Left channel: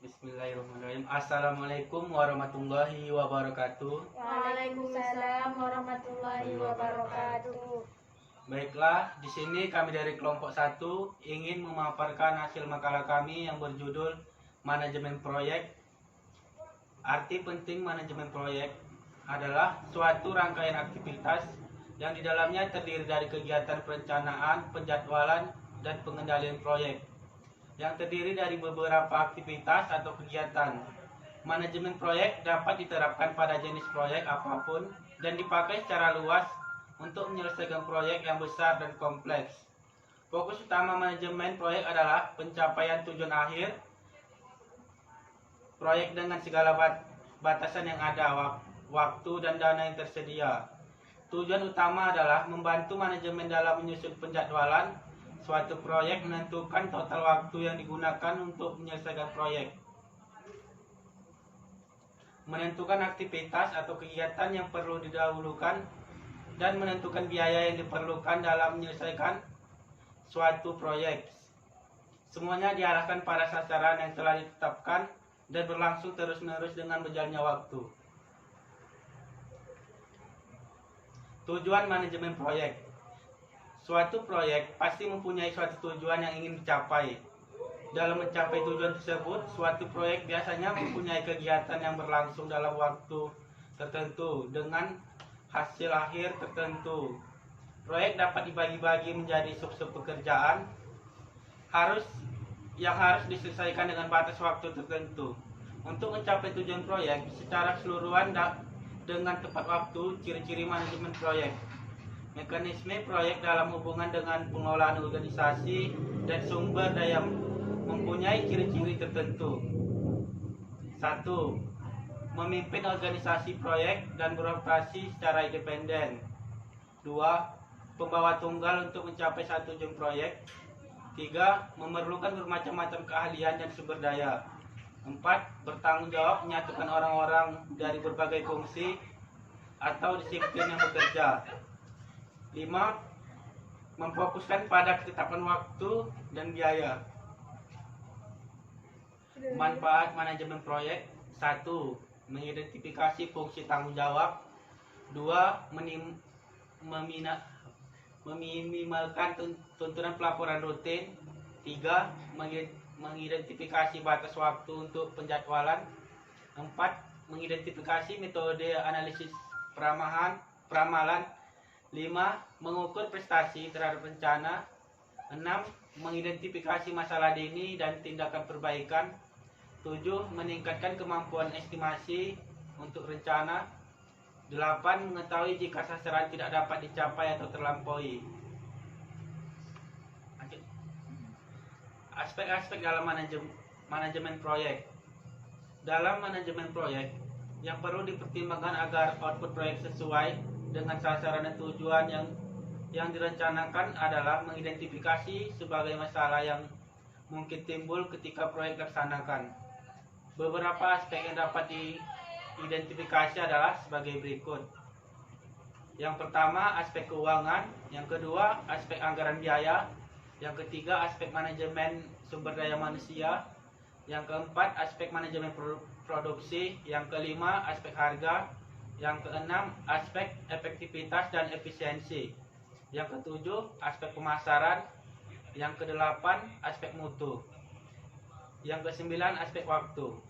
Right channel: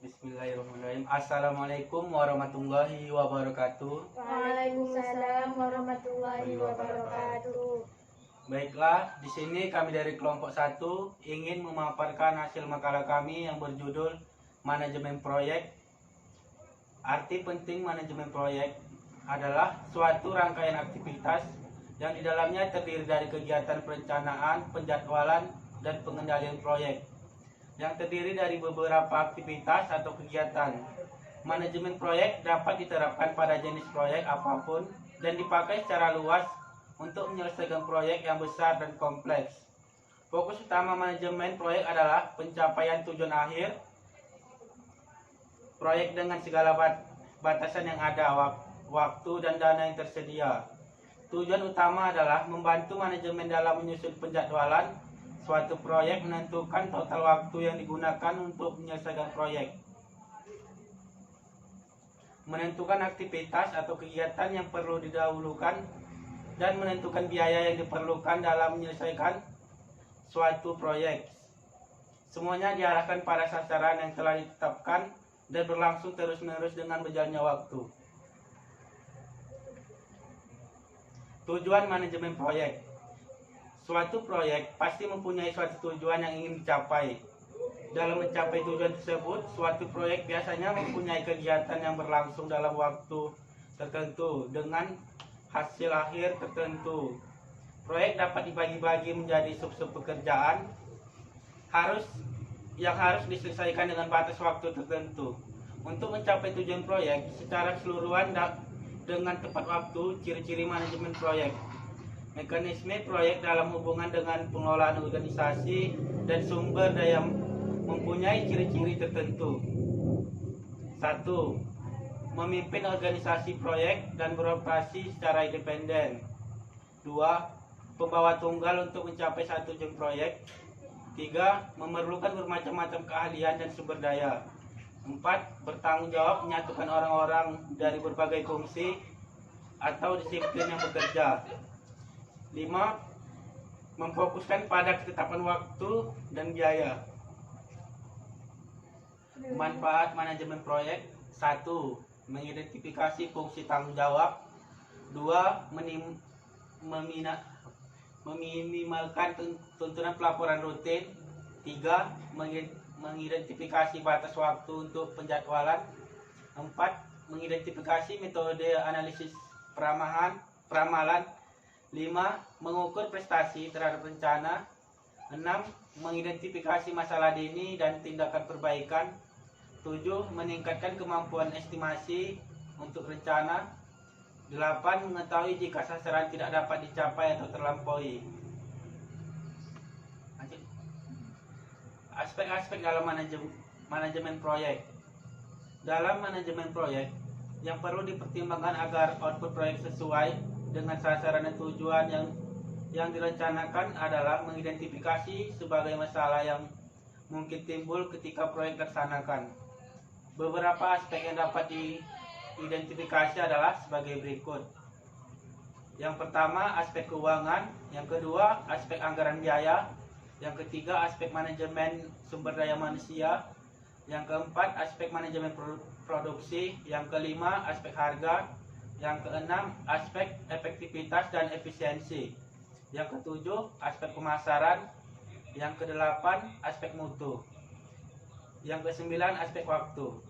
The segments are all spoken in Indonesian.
Bismillahirrahmanirrahim. Assalamualaikum warahmatullahi wabarakatuh. Waalaikumsalam warahmatullahi wabarakatuh. Baiklah, di sini kami dari kelompok 1 ingin memaparkan hasil makalah kami yang berjudul Manajemen Proyek. Arti penting manajemen proyek adalah suatu rangkaian aktivitas yang di dalamnya terdiri dari kegiatan perencanaan, penjadwalan, dan pengendalian proyek yang terdiri dari beberapa aktivitas atau kegiatan. Manajemen proyek dapat diterapkan pada jenis proyek apapun dan dipakai secara luas untuk menyelesaikan proyek yang besar dan kompleks. Fokus utama manajemen proyek adalah pencapaian tujuan akhir proyek dengan segala batasan yang ada, waktu dan dana yang tersedia. Tujuan utama adalah membantu manajemen dalam menyusun penjadwalan suatu proyek, menentukan total waktu yang digunakan untuk menyelesaikan proyek, menentukan aktivitas atau kegiatan yang perlu didahulukan, dan menentukan biaya yang diperlukan dalam menyelesaikan suatu proyek. Semuanya diarahkan pada sasaran yang telah ditetapkan dan berlangsung terus-menerus dengan berjalannya waktu. Tujuan manajemen proyek. Suatu proyek pasti mempunyai suatu tujuan yang ingin dicapai. Dalam mencapai tujuan tersebut, suatu proyek biasanya mempunyai kegiatan yang berlangsung dalam waktu tertentu dengan hasil akhir tertentu. Proyek dapat dibagi-bagi menjadi sub-sub pekerjaan yang harus diselesaikan dengan batas waktu tertentu. Untuk mencapai tujuan proyek secara keseluruhan dengan tepat waktu, ciri-ciri manajemen proyek. Mekanisme proyek dalam hubungan dengan pengelolaan organisasi dan sumber daya mempunyai ciri-ciri tertentu. 1. Memimpin organisasi proyek dan beroperasi secara independen. 2. Pembawa tunggal untuk mencapai satu tujuan proyek. 3. Memerlukan bermacam-macam keahlian dan sumber daya. 4. Bertanggung jawab menyatukan orang-orang dari berbagai fungsi atau disiplin yang bekerja. 5. Memfokuskan pada ketetapan waktu dan biaya. Manfaat manajemen proyek. 1. Mengidentifikasi fungsi tanggung jawab. 2. Meminimalkan tuntunan pelaporan rutin. 3. Mengidentifikasi batas waktu untuk penjadwalan. 4. Mengidentifikasi metode analisis peramalan. 5. Mengukur prestasi terhadap rencana. 6. Mengidentifikasi masalah dini dan tindakan perbaikan. 7. Meningkatkan kemampuan estimasi untuk rencana. 8. Mengetahui jika sasaran tidak dapat dicapai atau terlampaui. Aspek-aspek dalam manajemen proyek. Dalam manajemen proyek, yang perlu dipertimbangkan agar output proyek sesuai dengan sasaran dan tujuan yang direncanakan adalah mengidentifikasi sebagai masalah yang mungkin timbul ketika proyek dilaksanakan. Beberapa aspek yang dapat diidentifikasi adalah sebagai berikut. Yang pertama, aspek keuangan. Yang kedua, aspek anggaran biaya. Yang ketiga, aspek manajemen sumber daya manusia. Yang keempat, aspek manajemen produksi. Yang kelima, aspek harga. Yang keenam, aspek efektivitas dan efisiensi. Yang ketujuh, aspek pemasaran. Yang kedelapan, aspek mutu. Yang kesembilan, aspek waktu.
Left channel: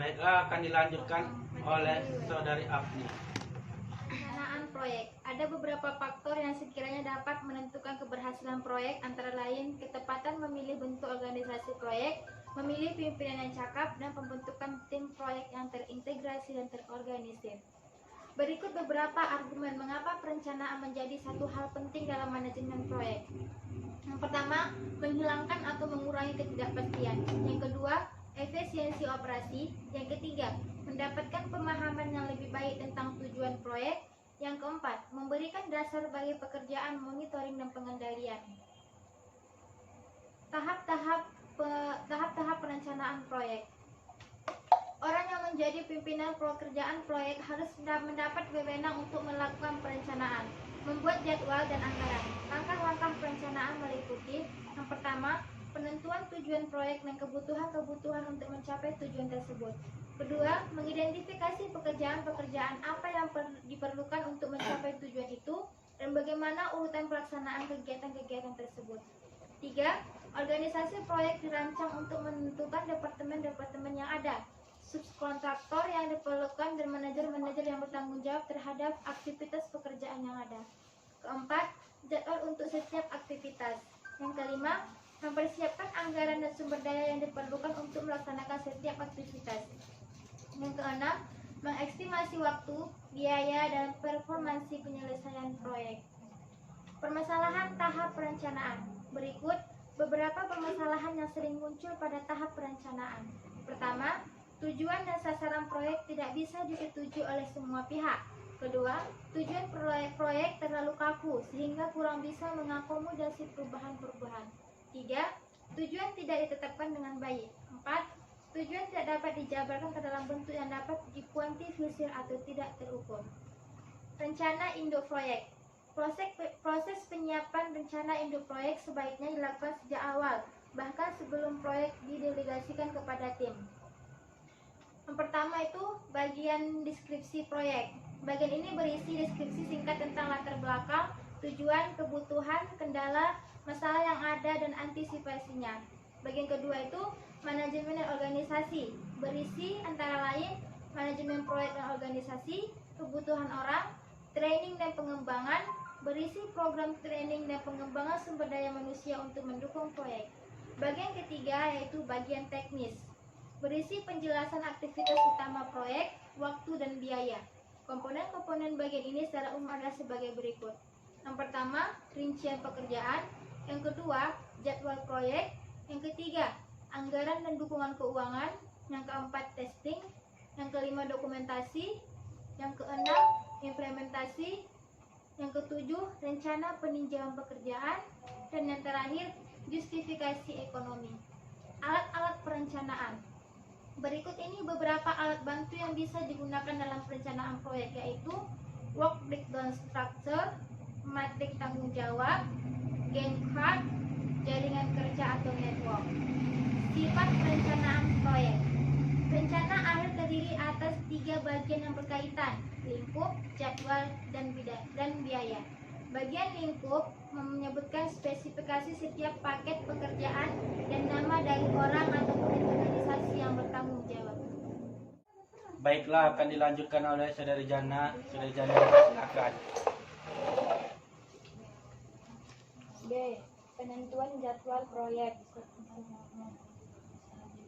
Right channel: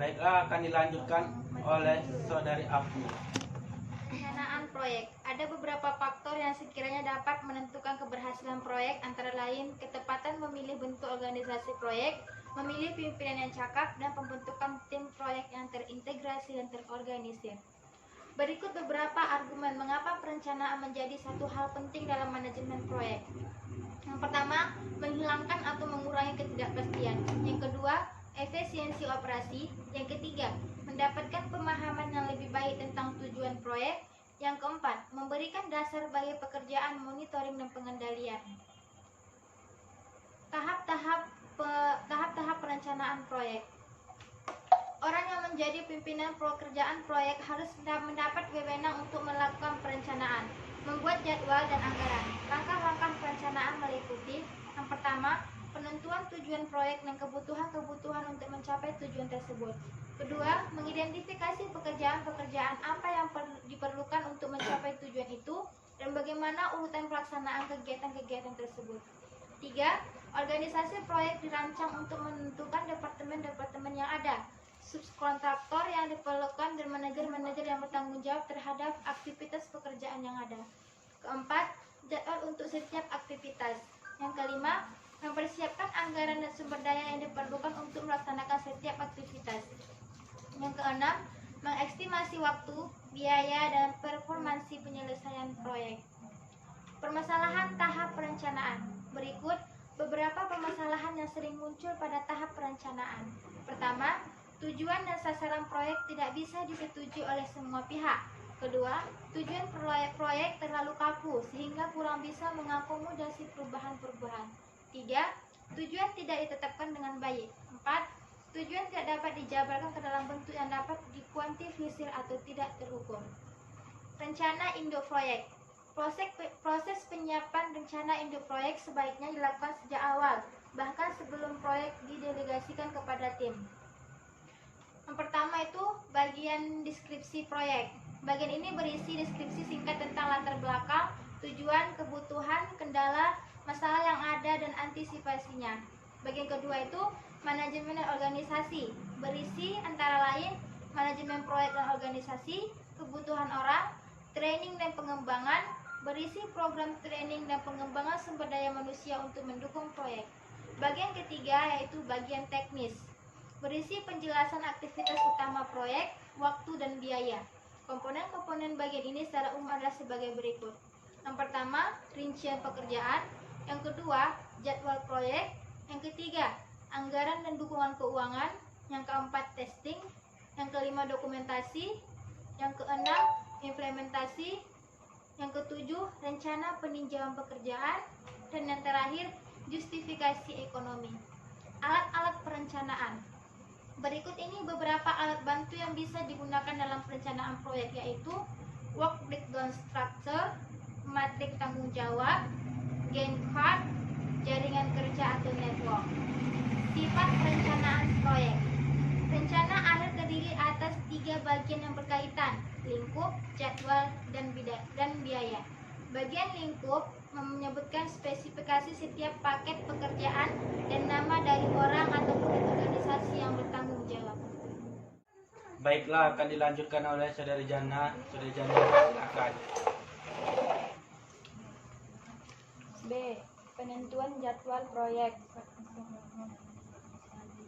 Baiklah, akan dilanjutkan oleh Saudari Afni. Perencanaan proyek. Ada beberapa faktor yang sekiranya dapat menentukan keberhasilan proyek, antara lain ketepatan memilih bentuk organisasi proyek, memilih pimpinan yang cakap, dan pembentukan tim proyek yang terintegrasi dan terorganisir. Berikut beberapa argumen mengapa perencanaan menjadi satu hal penting dalam manajemen proyek. Yang pertama, menghilangkan atau mengurangi ketidakpastian. Yang kedua, efisiensi operasi. Yang ketiga, mendapatkan pemahaman yang lebih baik tentang tujuan proyek. Yang keempat, memberikan dasar bagi pekerjaan monitoring dan pengendalian. Tahap-tahap perencanaan proyek. Orang yang menjadi pimpinan pekerjaan proyek harus mendapat wewenang untuk melakukan perencanaan, Membuat jadwal dan anggaran. Langkah-langkah perencanaan meliputi: yang pertama, penentuan tujuan proyek dan kebutuhan-kebutuhan untuk mencapai tujuan tersebut. Kedua, mengidentifikasi pekerjaan-pekerjaan apa yang diperlukan untuk mencapai tujuan itu dan bagaimana urutan pelaksanaan kegiatan-kegiatan tersebut. Tiga, organisasi proyek dirancang untuk menentukan departemen-departemen yang ada, subkontraktor yang diperlukan, dan manajer-manajer yang bertanggung jawab terhadap aktivitas pekerjaan yang ada. Keempat, jadwal untuk setiap aktivitas. Yang kelima, mempersiapkan anggaran dan sumber daya yang diperlukan untuk melaksanakan setiap aktivitas. Yang keenam, mengestimasi waktu, biaya, dan performansi penyelesaian proyek. Permasalahan tahap perencanaan. Berikut beberapa permasalahan yang sering muncul pada tahap perencanaan. Pertama, tujuan dan sasaran proyek tidak bisa disetujui oleh semua pihak. Kedua, tujuan proyek terlalu kaku sehingga kurang bisa mengakomodasi perubahan-perubahan. Tiga, tujuan tidak ditetapkan dengan baik. Empat, tujuan tidak dapat dijabarkan ke dalam bentuk yang dapat dikuantifikasi atau tidak terukur. Rencana induk proyek. Proses penyiapan rencana induk proyek sebaiknya dilakukan sejak awal, bahkan sebelum proyek didelegasikan kepada tim. Yang pertama itu bagian deskripsi proyek. Bagian ini berisi deskripsi singkat tentang latar belakang, tujuan, kebutuhan, kendala, masalah yang ada, dan antisipasinya. Bagian kedua itu manajemen dan organisasi, berisi antara lain manajemen proyek dan organisasi, kebutuhan orang, training dan pengembangan, berisi program training dan pengembangan sumber daya manusia untuk mendukung proyek. Bagian ketiga yaitu bagian teknis, berisi penjelasan aktivitas utama proyek, waktu, dan biaya. Komponen-komponen bagian ini secara umum adalah sebagai berikut. Yang pertama, rincian pekerjaan. Yang kedua, jadwal proyek. Yang ketiga, anggaran dan dukungan keuangan. Yang keempat, testing. Yang kelima, dokumentasi. Yang keenam, implementasi. Yang ketujuh, rencana peninjauan pekerjaan. Dan yang terakhir, justifikasi ekonomi. Alat-alat perencanaan. Berikut ini beberapa alat bantu yang bisa digunakan dalam perencanaan proyek, yaitu work breakdown structure, matrik tanggung jawab, Gantt chart, jaringan kerja atau network. Sifat perencanaan proyek. Rencana akhir terdiri atas 3 bagian yang berkaitan: lingkup, jadwal, dan biaya. Bagian lingkup menyebutkan spesifikasi setiap paket pekerjaan dan nama dari orang ataupun organisasi yang bertanggung jawab. Baiklah, akan dilanjutkan oleh Saudari Jana. Saudari Jana, silakan. B. Penentuan jadwal proyek.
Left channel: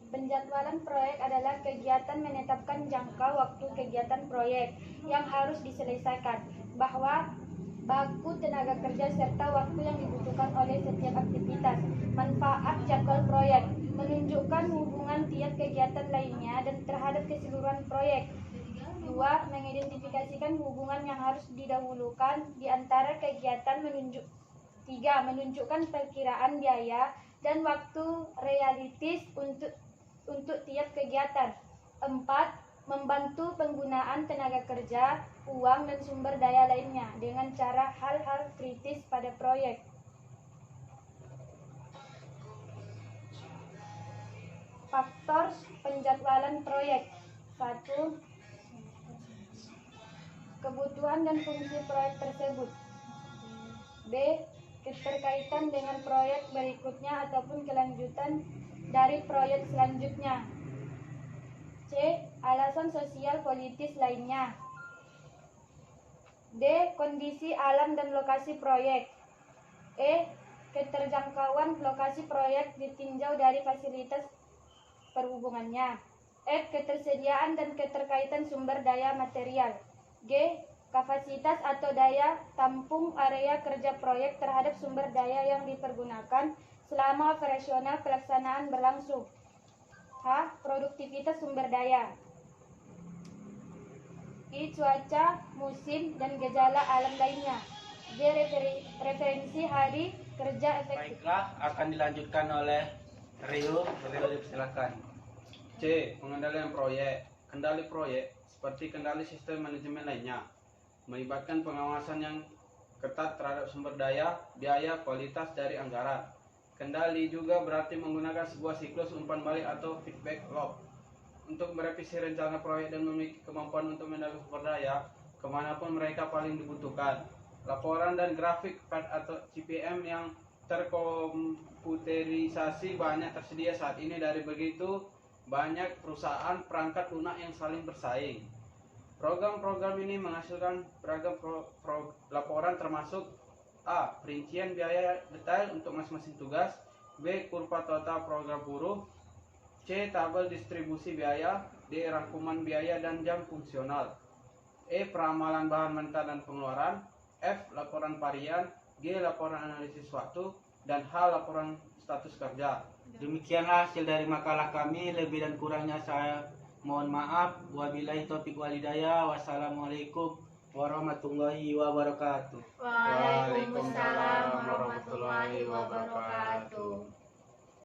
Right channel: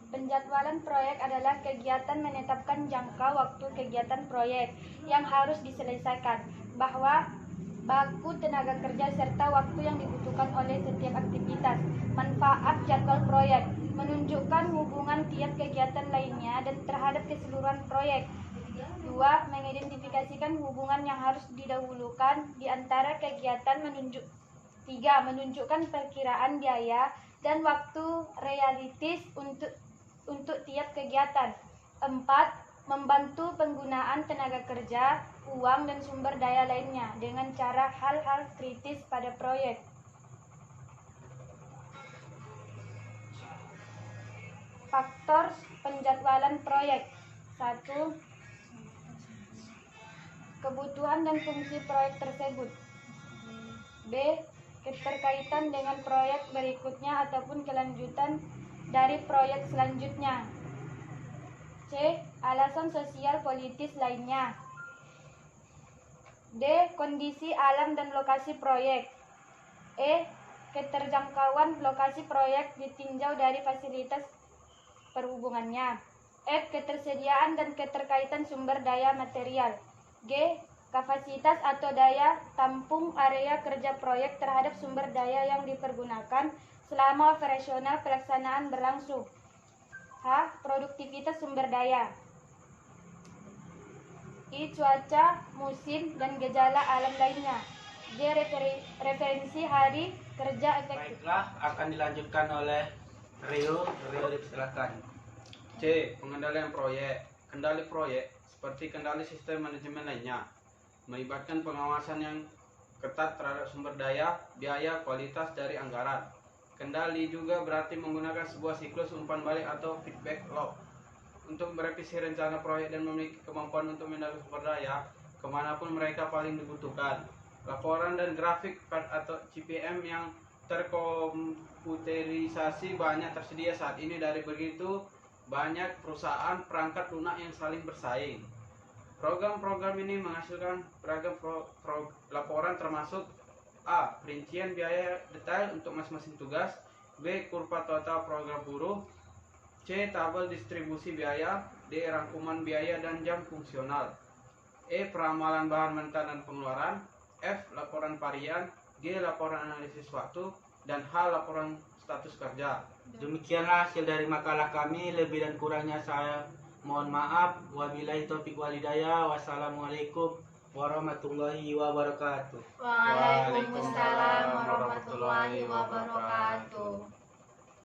Penjadwalan proyek adalah kegiatan menetapkan jangka waktu kegiatan proyek yang harus diselesaikan, bahwa baku tenaga kerja serta waktu yang dibutuhkan oleh setiap aktivitas. Manfaat jadwal proyek: menunjukkan hubungan tiap kegiatan lainnya dan terhadap keseluruhan proyek. 2. Mengidentifikasikan hubungan yang harus didahulukan di antara kegiatan. 3. Menunjukkan perkiraan biaya dan waktu realistis untuk tiap kegiatan. 4. Membantu penggunaan tenaga kerja, uang, dan sumber daya lainnya dengan cara hal-hal kritis pada proyek. Faktor penjadwalan proyek. 1. Kebutuhan dan fungsi proyek tersebut. B. Keterkaitan dengan proyek berikutnya ataupun kelanjutan dari proyek selanjutnya. C. Alasan sosial politis lainnya. D. Kondisi alam dan lokasi proyek. E. Keterjangkauan lokasi proyek ditinjau dari fasilitas perhubungannya. F. Ketersediaan dan keterkaitan sumber daya material. G. Kapasitas atau daya tampung area kerja proyek terhadap sumber daya yang dipergunakan selama operasional pelaksanaan berlangsung. H. Produktivitas sumber daya. I. Cuaca, musim, dan gejala alam lainnya. G. Referensi hari kerja efektif. Baiklah, akan dilanjutkan oleh Rio. Rio, silakan. C. Pengendalian proyek. Kendali proyek seperti kendali sistem manajemen lainnya melibatkan pengawasan yang ketat terhadap sumber daya, biaya, kualitas dari anggaran. Kendali juga berarti menggunakan sebuah siklus umpan balik atau feedback loop untuk merevisi rencana proyek dan memiliki kemampuan untuk menambah sumber daya kemanapun mereka paling dibutuhkan. Laporan dan grafik PAD atau CPM yang terkomputerisasi banyak tersedia saat ini dari begitu banyak perusahaan perangkat lunak yang saling bersaing. Program-program ini menghasilkan beragam laporan termasuk A. Perincian biaya detail untuk masing-masing tugas. B. Kurva total program buruh. C. Tabel distribusi biaya. D. Rangkuman biaya dan jam fungsional. E. Peramalan bahan mentah dan pengeluaran. F. Laporan varian. G. Laporan analisis waktu. Dan H. Laporan status kerja. Demikianlah hasil dari makalah kami. Lebih dan kurangnya saya mohon maaf. Wabillahi taufiq walhidayah. Wassalamualaikum warahmatullahi wabarakatuh. Waalaikumsalam warahmatullahi wabarakatuh.